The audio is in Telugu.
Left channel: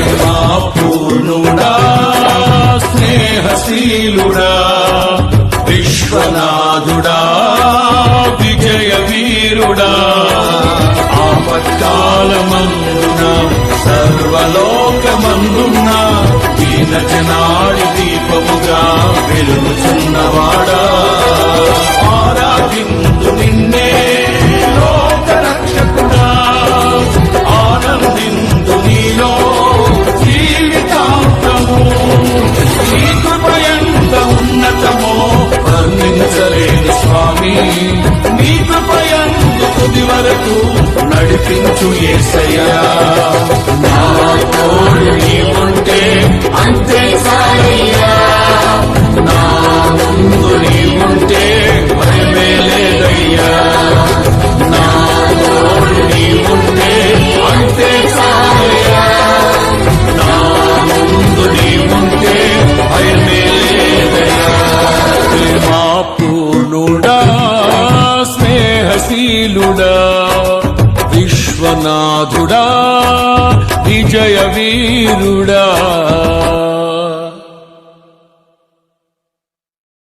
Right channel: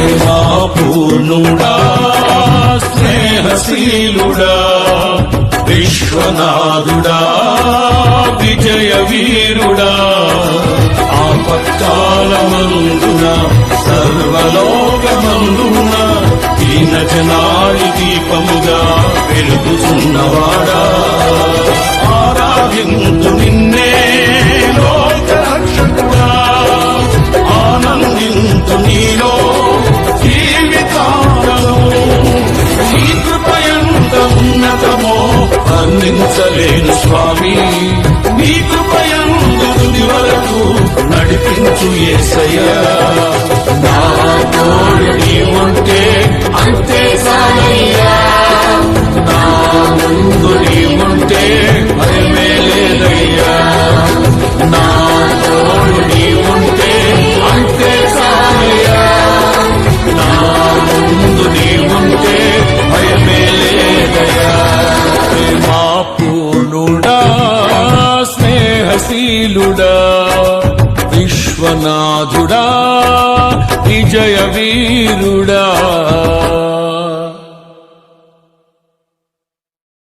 ప్రేమా పూర్ణుడా స్నేహశీలుడా విశ్వనాథుడా విజయ వీరుడా ఆపత్కాలమందున సర్వలోకమందున దీన జనాడి దీపముగా వెలుగుచున్నవాడా ఆరాధింతు నిన్నే లోకరక్షకుడా ఆనందింతు నీలో జీవితాంతము నీ కృపయంత ఉన్నతమో వర్ణించలేను స్వామి నీ కృపయందు తుది వరకు నడిపించు యేసయ్యా నా తోడు నీవుంటే అంతే చాలయ్యా నా ముందు నీవుంటే భయమే లేదయ్యా నా తోడు నీవుంటే అంతే చాలయ్యా నా ముందు నీవుంటే భయమే లేదయ్యా ప్రేమా పూర్ణుడా స్నేహశీలుడా విశ్వనాథుడా విజయ వీరుడా